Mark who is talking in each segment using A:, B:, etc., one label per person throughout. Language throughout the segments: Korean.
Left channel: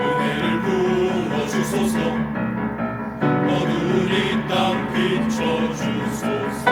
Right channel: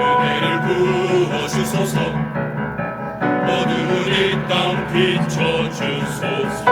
A: 은혜를 부어주소서. 어두운 이 땅 비춰주소서.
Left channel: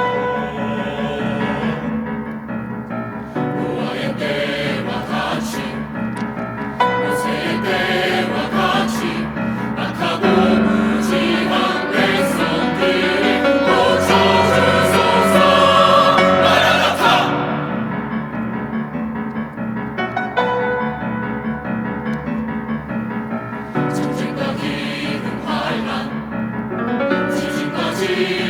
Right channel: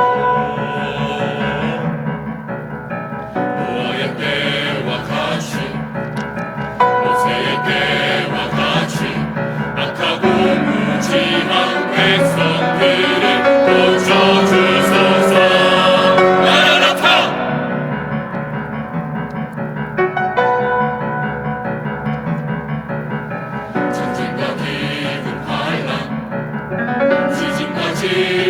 A: Spirit.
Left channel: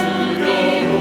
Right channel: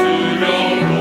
A: your